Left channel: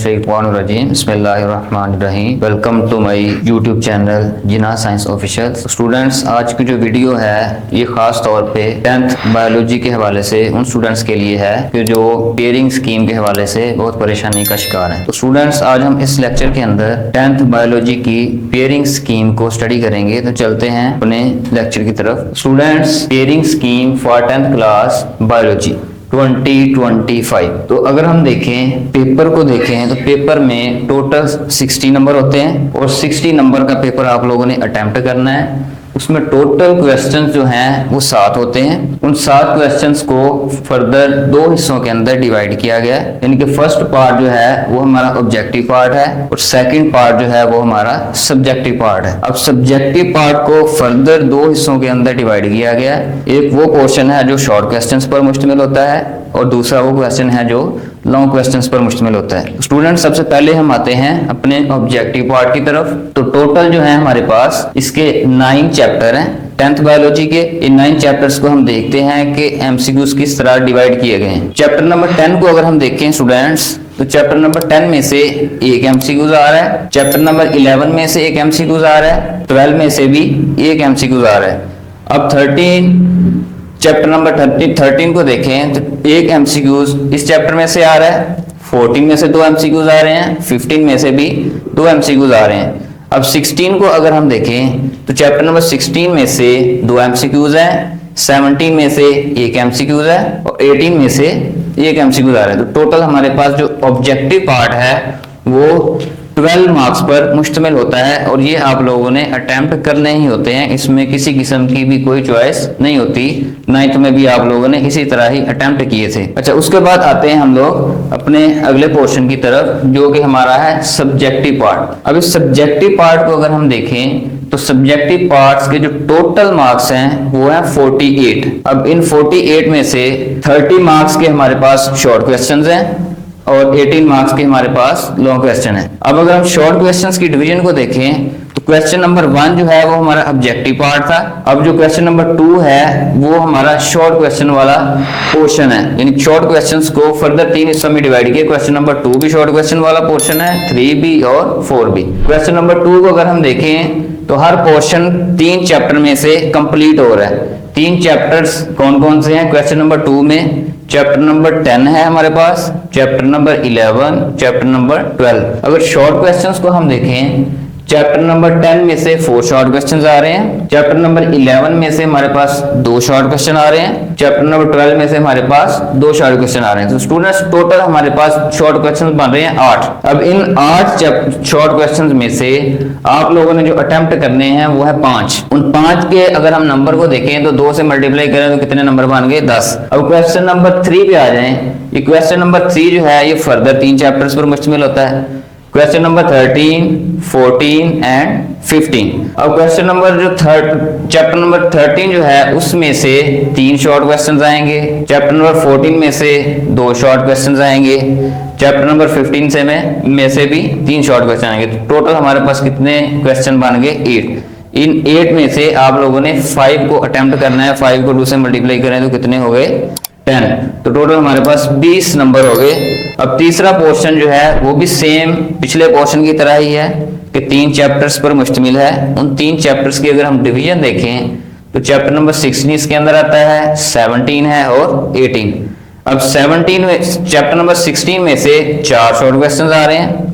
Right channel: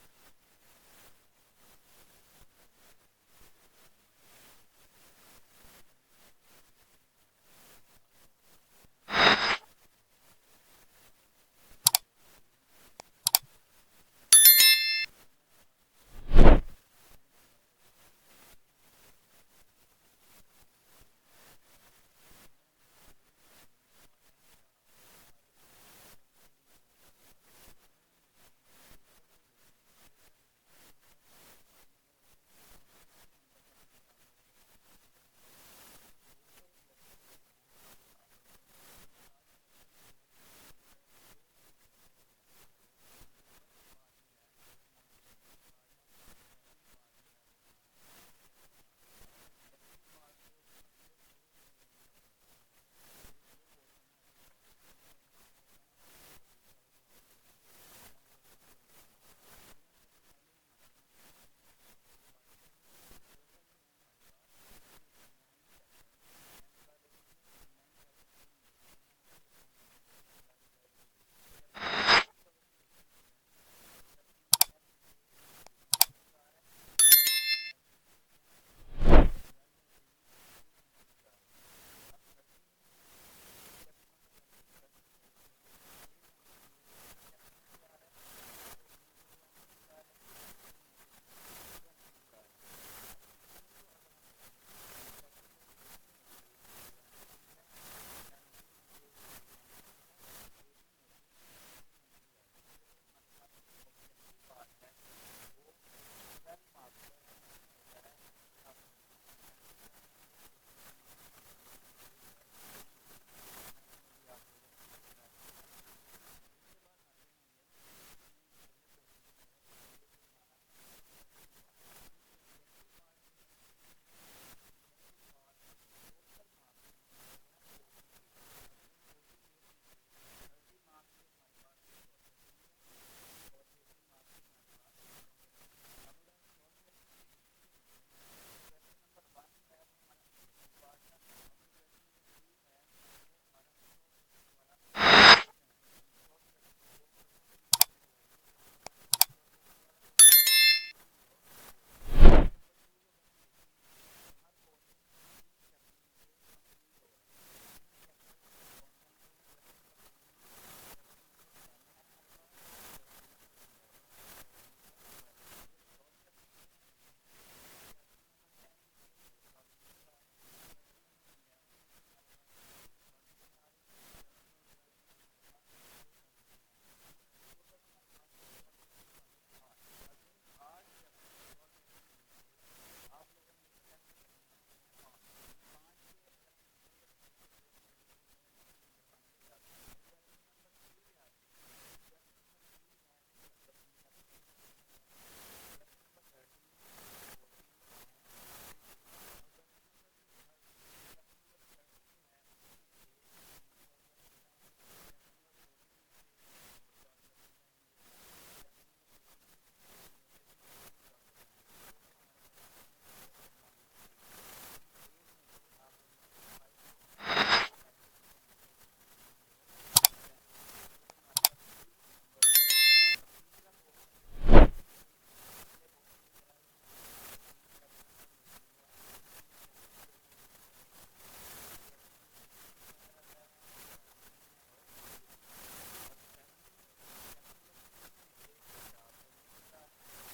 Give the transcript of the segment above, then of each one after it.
मिनश्शैतानिर्रजीम बिस्मिल्लाहिर्रहमानिर्रहीम। Welcome to my YouTube channel जिना science official. Students, आज की जो वीडियो है ये खास तौर पे 10th बायोलॉजी के हवाले से उन स्टूडेंट्स के लिए है कि जो पेयरिंग स्कीम के हवाले से बहुत परेशानी का शिकार है। तो स्टूडेंट्स, आज हम इस लेक्चर के अंदर 10th बायोलॉजी की पेयरिंग स्कीम को स्टडी करेंगे। तो चलते हैं अपने लेक्चर की तरफ। Students, pairing scheme for 10th class biology 2025। तो अगर हम देखें पेपर को देखें तो पेपर में टोटल 60 नंबर होते हैं और 60 नंबर का पेपर आप लोगों ने अटेम्प्ट करना है। उसमें टोटल क्वेश्चंस जो हैं वो 7 होते हैं। उन 7 क्वेश्चंस को फर्दर 2 हिस्सों के अंदर डिवाइड किया गया है। यानी कि फर्स्ट पार्ट जो है वो हमारा ऑब्जेक्टिव पार्ट है और सेकंड पार्ट जो है वो हमारा सब्जेक्टिव पार्ट है। अब सब्जेक्टिव पार्ट को फर्दर 2 हिस्सों के अंदर डिवाइड किया गया है। एक वो पोर्शन है जो शॉर्ट क्वेश्चंस पर मुश्तमिल होता है और दूसरा वो क्वेश्चन है जो लॉन्ग क्वेश्चंस पर मुश्तमिल होता है। स्टूडेंट, सबसे पहले हम आते हैं अपने ऑब्जेक्टिव पार्ट की तरफ। तो टोटल जो है हमारे पास इसके 9 चैप्टर हैं 10th बायोलॉजी के। इन 9 चैप्टर्स को हम देखते हैं कि एमसीक्यूज किस तरह डिवाइड किए गए हैं। चैप्टर नंबर 10 को अगर हम देखें स्टूडेंट्स, तो चैप्टर नंबर 10 में से एक एमसीक्यूज आ रहा है, चैप्टर नंबर 11 में से एक एमसीक्यूज आ रहा है, 12 में से भी एक एमसीक्यूज आ रहा है। अब चैप्टर नंबर 13 को देखें तो एक एमसीक्यूज इस चैप्टर में से आ रहा है, 14 में से 2 एमसीक्यूज आ रहे हैं, 15 में से भी 2 एमसीक्यूज आ रहे हैं। अब 16 को अगर हम देखें तो चैप्टर नंबर 16 में से 2 एमसीक्यूज हैं, 17 में से एक एमसीक्यूज है और 18 में से एक एमसीक्यूज आ रहा है। तो टोटल हमारे पास जो ऑब्जेक्टिव पार्ट है वो 12 मार्क्स पर मुश्तमिल होता है और ये आप लोगों ने अटेम्प्ट करने ही होते हैं। इसमें किसी किस्म की भी कोई चॉइस नहीं होती। 9th में भी आप लोगों ने इसी तरह ही अटेम्प्ट किए थे। अच्छा, उसके बाद आते हैं हम लोग अपने अगले पोर्शन की तरफ जो कि हमारा है सब्जेक्टिव पार्ट। अब इस सब्जेक्टिव पार्ट को अगर हम देखें तो सब्जेक्टिव पार्ट्स के जो टोटल मार्क्स हैं वो है 48। अब इन 48 में से 30 मार्क्स के हमारे पास शॉर्ट क्वेश्चंस हैं और 18 मार्क्स के हमारे पास लॉन्ग क्वेश्चन है। अब अगर हम शॉर्ट क्वेश्चंस की डिवीजन को देखें तो क्वेश्चन नंबर 1 जो है वो हमारा ऑब्जेक्टिव पार्ट था। अब जो क्वेश्चन नंबर 2 है वो हमारा शॉर्ट क्वेश्चन वाला पोर्शन है। यानी शॉर्ट क्वेश्चंस को फर्दर 3 हिस्सों में डिवाइड किया। क्वेश्चन नंबर 2 भी शॉर्ट क्वेश्चन वाला पोर्शन है, 3 भी और 4 भी। क्वेश्चन नंबर 2 को अगर हम देखें तो हर पोर्शन 3 चैप्टर में से कंप्लीट हो रहा है। 3 चैप्टर्स कौन कौन से हैं क्वेश्चन नंबर 2 में? चैप्टर नंबर 10 है हमारे पास, चैप्टर नंबर 11, चैप्टर नंबर 12। अगर शॉर्ट क्वेश्चंस को हम देखें, चैप्टर नंबर 10 में से 4 शॉर्ट क्वेश्चंस आ रहे हैं, चैप्टर नंबर 11 में से हमारे पास 2 शॉर्ट क्वेश्चन आ रहे हैं, चैप्टर नंबर 12 में से हमारे पास 2 शॉर्ट क्वेश्चन आ रहे हैं। तो स्टूडेंट्स, टोटल हमारे पास शॉर्ट क्वेश्चन बन रहे हैं 8। अब इन 8 शॉर्ट क्वेश्चन में से आप लोगों ने जो अटेम्प्ट करने हैं वो है 5। उन 5 के अगर हम नंबर को देखें तो 2 से मल्टीप्लाई करें तो कितने नंबर बन गए? 10। अब क्वेश्चन नंबर 3 पे आ जाएं। ये क्वेश्चन नंबर 3 जो है ये फर्दर 3 चैप्टर्स पर मुश्तमिल होता है। Question number 13, 14 and 15। अब क्वेश्चन नंबर जो चैप्टर नंबर 13 जो है उसमें से 3 शॉर्ट क्वेश्चंस आएंगे, चैप्टर नंबर 14 में से 2 शॉर्ट क्वेश्चंस आएंगे, चैप्टर नंबर 15 में से भी 3 शॉर्ट क्वेश्चन आएंगे। तो टोटल हमारे पास कितने क्वेश्चन बन गए? 8। इन 8 में से आप लोगों ने 5 को अटेम्प्ट करना है। 5 को 2 से मल्टीप्लाई करें तो कितने हो गए? 10। तो टोटल हमारे पास 20 नंबर हो गए। अब तीसरा पोर्शन जो है वो भी सेम पिछले पोर्शन की तरह ही है कि 3 चैप्टर्स पर मुश्तमिल है। उन 3 चैप्टर्स की अगर हम डिवीजन देखें तो चैप्टर नंबर 16 इसके अंदर आता है, 17 है और 18। अब 17 में चैप्टर नंबर 16 में से 4 शॉर्ट क्वेश्चन आ रहे हैं,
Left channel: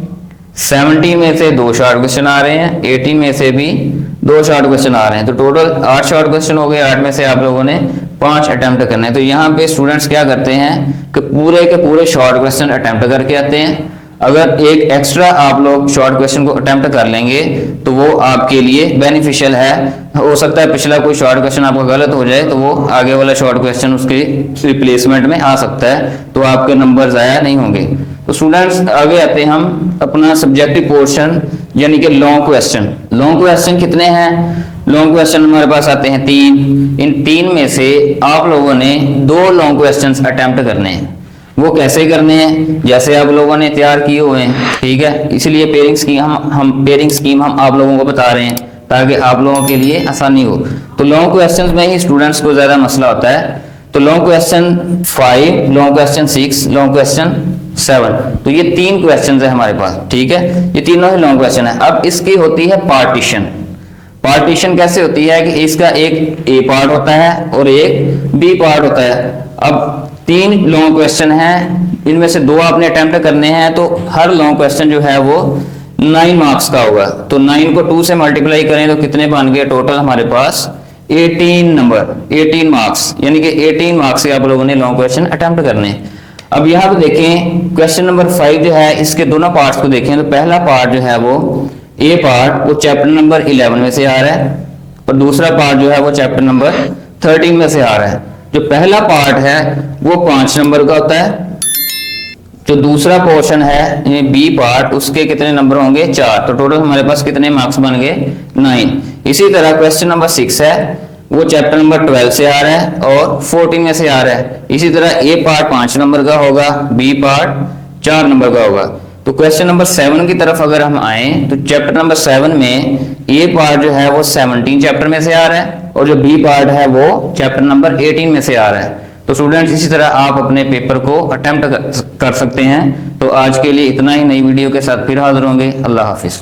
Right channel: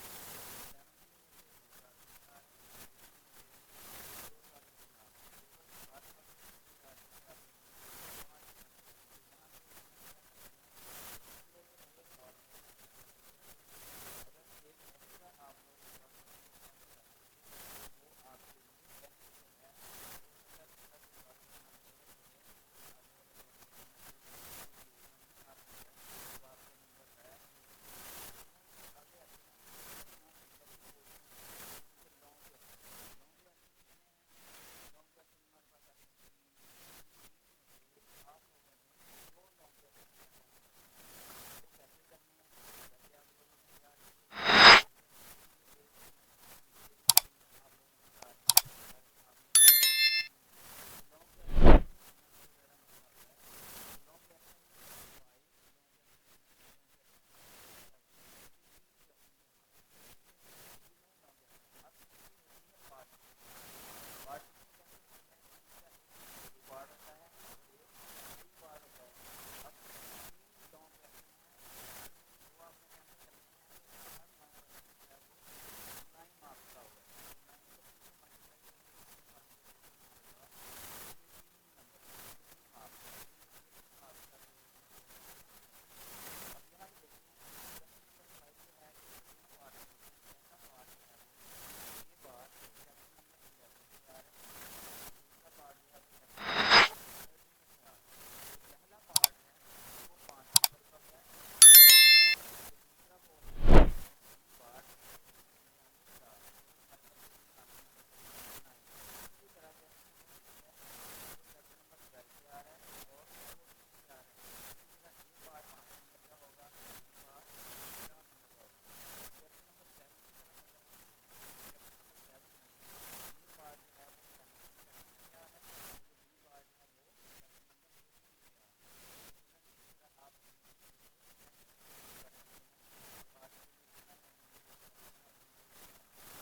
17 में से 2 शॉर्ट क्वेश्चन आ रहे हैं, 18 में से भी 2 शॉर्ट क्वेश्चन आ रहे हैं। तो टोटल 8 शॉर्ट क्वेश्चन हो गए। 8 में से आप लोगों ने 5 अटेम्प्ट करने हैं। तो यहाँ पे स्टूडेंट्स क्या करते हैं कि पूरे के पूरे शॉर्ट क्वेश्चन अटेम्प्ट करके आते हैं। अगर एक एक्स्ट्रा आप लोग शॉर्ट क्वेश्चन को अटेम्प्ट कर लेंगे तो वो आपके लिए बेनिफिशियल है। हो सकता है पिछला कोई शॉर्ट क्वेश्चन आपका गलत हो जाए तो वो आगे वाला शॉर्ट क्वेश्चन उसके रिप्लेसमेंट में आ सकता है, तो आपके नंबर ज़ाया नहीं होंगे। तो स्टूडेंट्स, आगे आते हैं हम अपना सब्जेक्टिव पोर्शन यानी कि लॉन्ग क्वेश्चन। लॉन्ग क्वेश्चन कितने हैं? लॉन्ग क्वेश्चन हमारे पास आते हैं 3। इन 3 में से आप लोगों ने 2 लॉन्ग क्वेश्चन अटेम्प्ट करने हैं। वो कैसे करने हैं? जैसे आप लोगों ने तैयार किए हुए हैं, ठीक है। इसलिए पेयरिंग स्कीम हम आप लोगों को बता रहे हैं ताकि आप लोगों के लिए आसानी हो। तो लॉन्ग क्वेश्चंस में ही स्टूडेंट्स को ज़्यादा मसला होता है। तो long question 5, long question 6, long question 7, तो ये 3 क्वेश्चन है हमारे पास, ठीक है। ये तीनों ही लॉन्ग क्वेश्चन है। अब इसकी होती है पार्टीशन। पार्टीशन कैसे होती है कि इसका एक ए पार्ट होता है और एक बी पार्ट होता है। अब 3 लॉन्ग क्वेश्चन हैं, इनमें से 2 आपने अटेम्प्ट करने हैं, तो हर लॉन्ग क्वेश्चन जो है वो 9 मार्क्स का होगा। तो 9 को 2 से मल्टीप्लाई करें तो कितने बन गए टोटल हमारे पास 18 नंबर, 18 मार्क्स, यानी कि 18 मार्क्स से आप लोगों ने लॉन्ग क्वेश्चन अटेम्प्ट करने। अब यहाँ पे देखें क्वेश्चन नंबर 5 जो है, इसके दोनों पार्ट्स को देखें तो पहला पार्ट जो है वो ए पार्ट वो चैप्टर नंबर 11 में से आ रहा है और दूसरा पार्ट जो है वो चैप्टर नंबर 13 में से आ रहा है। जो पहला पार्ट है वो 5 नंबर का होता है, जो दूसरा पोर्शन है बी पार्ट उसके कितने नंबर होंगे 4, तो टोटल हमारे पास कितने मार्क्स बन गए 9। इसी तरह क्वेश्चन नंबर 6 है वो चैप्टर नंबर 12 से आ रहा है और 14 में से आ रहा है। इसी तरह ए पार्ट 5 नंबर का होगा, बी पार्ट 4 नंबर का होगा। तो क्वेश्चन नंबर 7 की तरफ अगर हम आए तो चैप्टर नंबर 7 में ए पार्ट जो है वो 17 चैप्टर में से आ रहा है और जो बी पार्ट है वो चैप्टर नंबर 18 में से आ रहा है। तो स्टूडेंट्स इसी तरह आप अपने पेपर को अटेम्प्ट कर सकते हैं। तो आज के लिए इतना ही, नई वीडियो के साथ फिर हाजिर होंगे। अल्लाह हाफिज।